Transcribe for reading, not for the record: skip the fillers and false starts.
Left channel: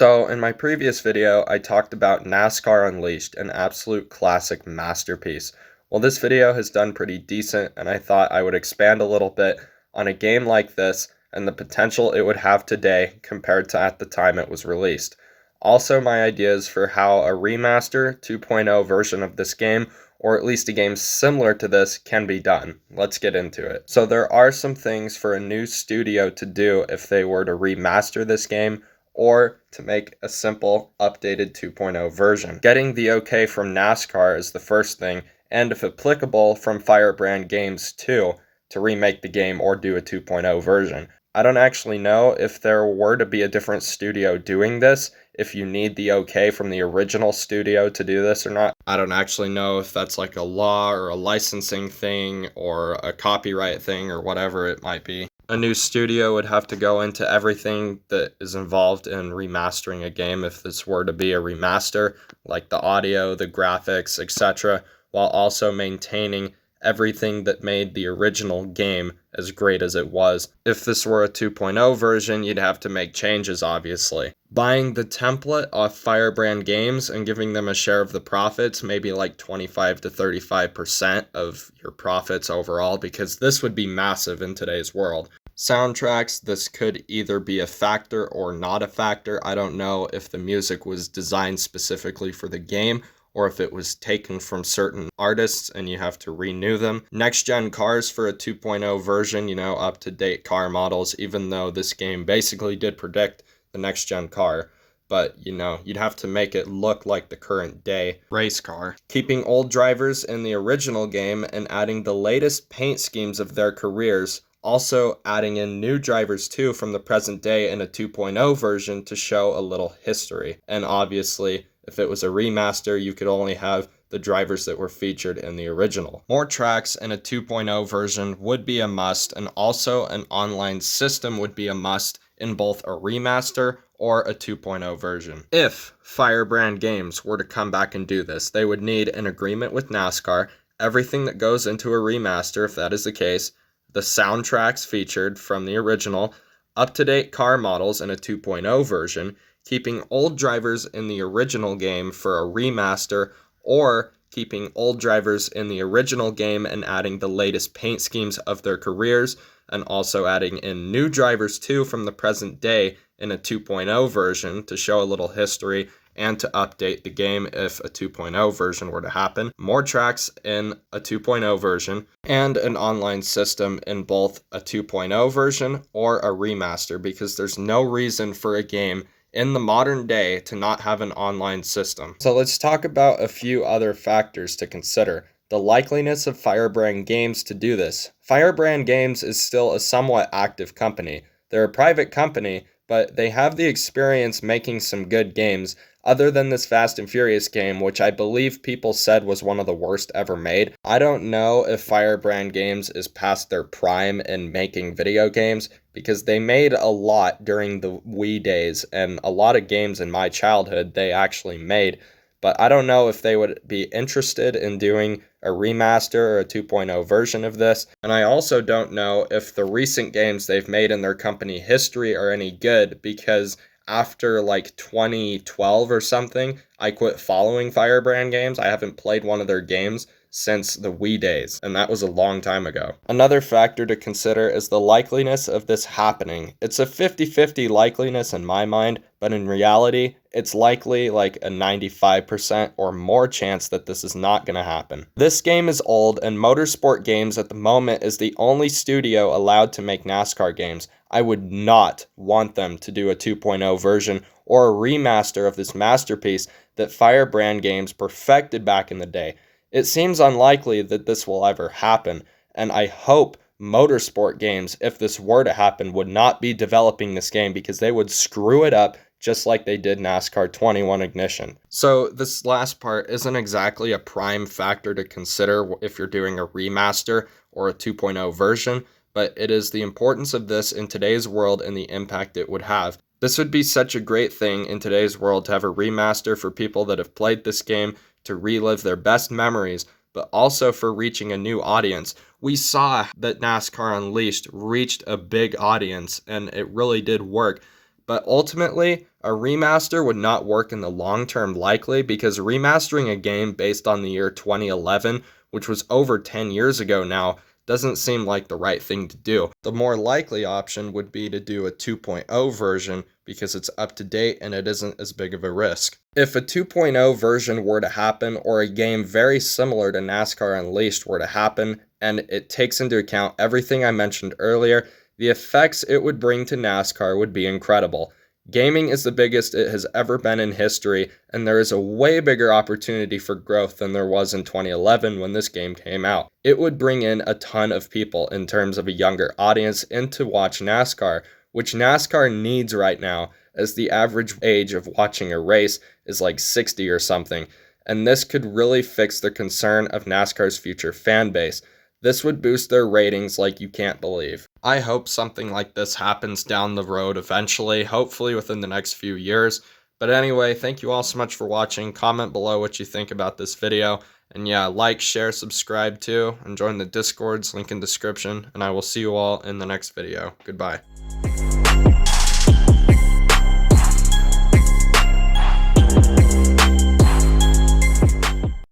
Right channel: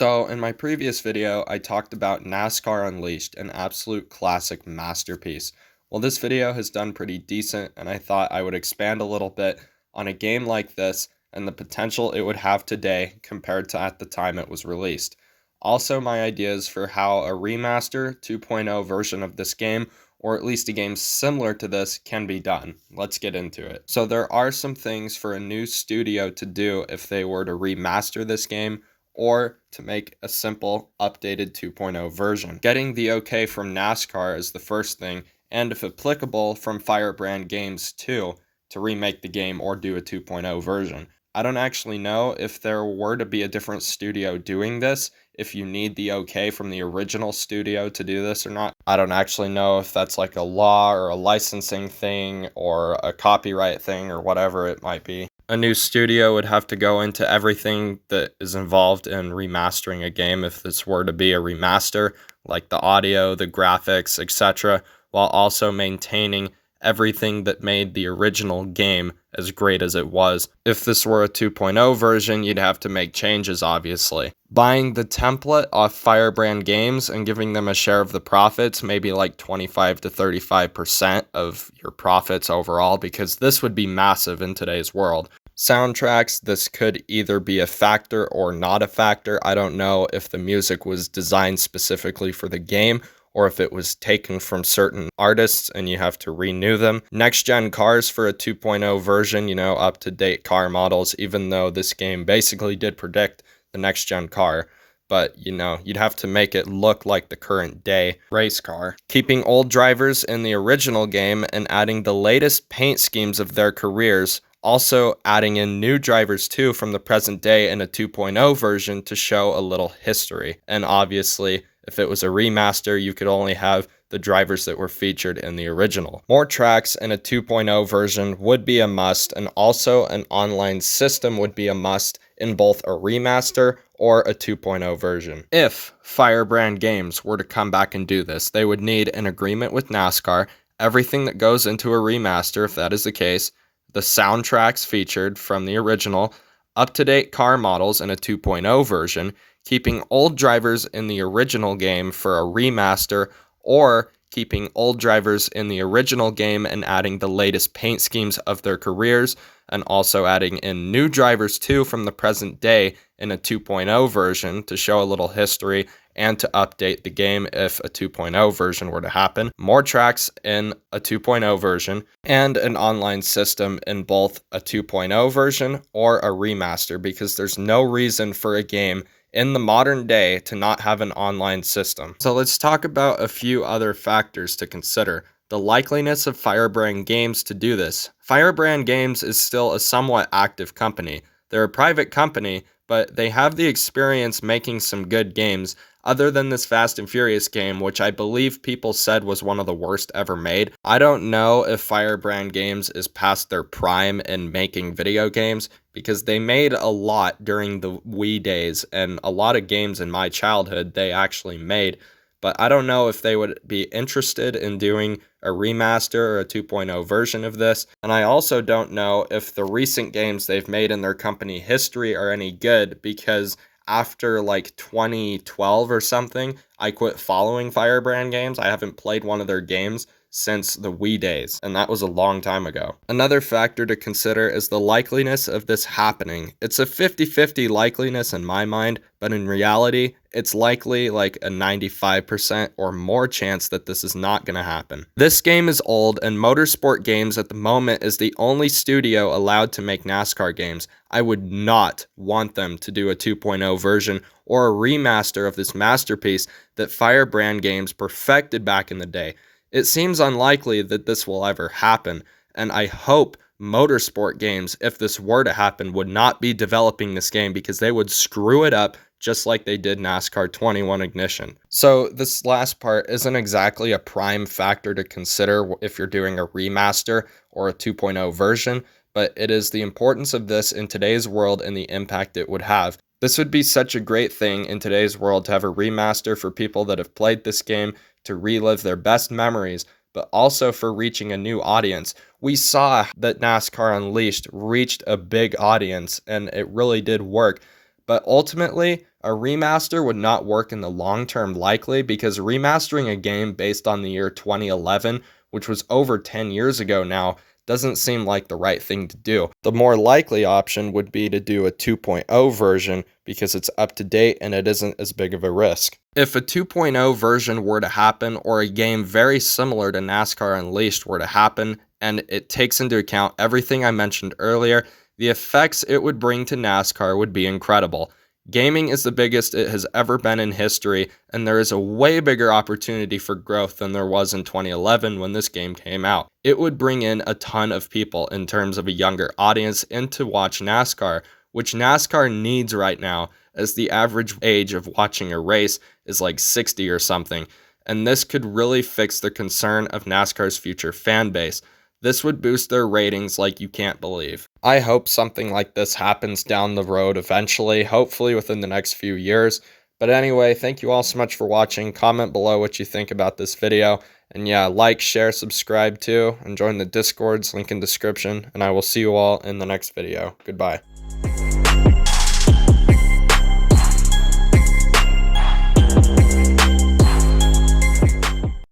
So, in my previous video, I talked about NASCAR Unleashed, an absolute classic masterpiece. Well, this video has done pretty decent, and I thought I would expand a little bit on a game like this and the potential it would have today compared to at the time it was released. Also, my ideas for how a remaster 2.0 version of this game, or at least a game similar to this, can be done. Let's get into it. So, there are some things for a new studio to do if they were to remaster this game, or to make a simple updated 2.0 version. Getting the okay from NASCAR is the first thing, and if applicable, from Firebrand Games too, to remake the game or do a 2.0 version. I don't actually know if there were to be a different studio doing this, if you need the okay from the original studio to do this or not. I don't actually know if that's like a law or a licensing thing or a copyright thing or whatever it might be. A new studio would have to go into everything that is involved in remastering a game if this were to be a remaster, like the audio, the graphics, etc., while also maintaining everything that made the original game as great as it was. If this were a 2.0 version, you'd have to make changes, obviously. Buying the template off Firebrand Games and giving them a share of the profits, maybe like 25 to 35% of your profits overall, because this would be massive in today's world. Soundtracks, this could either be a factor or not a factor. I don't know if the music was designed specifically for the game or if it was taken from certain artists and you have to renew them. Next-gen cars for a 2.0 version, up-to-date car models, even though this game basically did predict the next-gen car. But, you'd have to make it look like the current day race car. Keeping old drivers in the original game and adding the latest paint schemes of their careers. Also adding in new drivers too from the present day in a 2.0 version to show a little history. And obviously, if it was a remaster, you could only have the drivers that were featured in the original. More tracks in a 2.0 version would be a must, and also an online system would be a must in both a remaster or a 2.0 version. If Firebrand Games were to come back and do this, they would need an agreement with NASCAR, everything that goes into a remaster, if that is the case, the soundtracks featured from the original, up-to-date car models in a 2.0 version, keeping old drivers in the original game for a remaster, or keeping old drivers in the original game and adding the latest paint schemes of their careers, and also adding in new drivers too from the present day in a 2.0 version to show a little history and to update the game if a 2.0 version were to happen. More tracks in a 2.0 version, and an online system in both a 2.0 version or a remaster, because there's no reason for a game in the modern day to not have an online system. So let's talk about a few other factors to consider. The likeliness of Firebrand Games to do this. Firebrand Games is still a somewhat active company. They're a private company, but they have the experience making some good games, other than this Fast and Furious game, which I believe people said was one of the worst ever made. I don't know if Firebrand Games is past their prime in making video games, because they made a lot during the Wii days, and a lot of games in my childhood they actually made. But I don't know if they would be interested in doing a remaster or a 2.0 version of this. And I also don't know if the recent games they've made in their company history are any good, because after like 2012 or something, I quit following Firebrand Games. I haven't played one of their games since the Wii days, and that was a long time ago. Another factor to consider is the likeliness of this happening. It's a 50-50 likeliness in my mind, but in reality, it's likely like a 95% or more chance that this is not going to happen. This game is old, and Motorsport Games at the moment is the only studio allowed to make NASCAR games. I would not want them to do a 2.0 version or a remaster of this masterpiece that Firebrand Games perfected back in the day. It seems unlikely that this will ever happen, and I hope Motorsport Games, if this were to happen, would not be developing this game, because they would screw it up just like they did NASCAR 21 Ignition. So this last part isn't exactly a prime factor to consider if you're doing a remaster or a 2.0 version, but it is the importance of this in today's world and the impact it would have. This would be such a great thing in today's world to have a remaster for people that have played this game, to relive their best memories, but also for reaching a new audience. We saw that NASCAR Unleashed reached a big audience, and it really did work. But ultimately, A remaster would not work in the long term likely because remastering a game based on the year 2011, which was over 10 years ago now, doesn't seem like the right thing to do. The more likely option would be to do a 2.0 version because it's up to date and it isn't as big of a risk. If a 2.0 version were to happen, or a game very similar to NASCAR Unleashed were to happen, and it takes into account everything I mentioned earlier, the effects it would bring to NASCAR would be incredible. Gaming is the biggest it has ever been in history, and there is a way bigger opportunity for growth than there was in 2011 when this game came out. It would bring in a ton of people in terms of a younger audience in to watch NASCAR, which NASCAR needs right now, as the average age of watching a race is like 60 or something, and this could really fix the concern of NASCAR's future fan base. This would boost their ratings like you can't believe. I hope something like this happens down the road eventually, hopefully within the next few years. But anyway, thank you all so much for watching. Comment below what you think about this video. And yeah, like, share, subscribe too, and join the Discords, link in description. And I will see you all in the next video. Goodbye.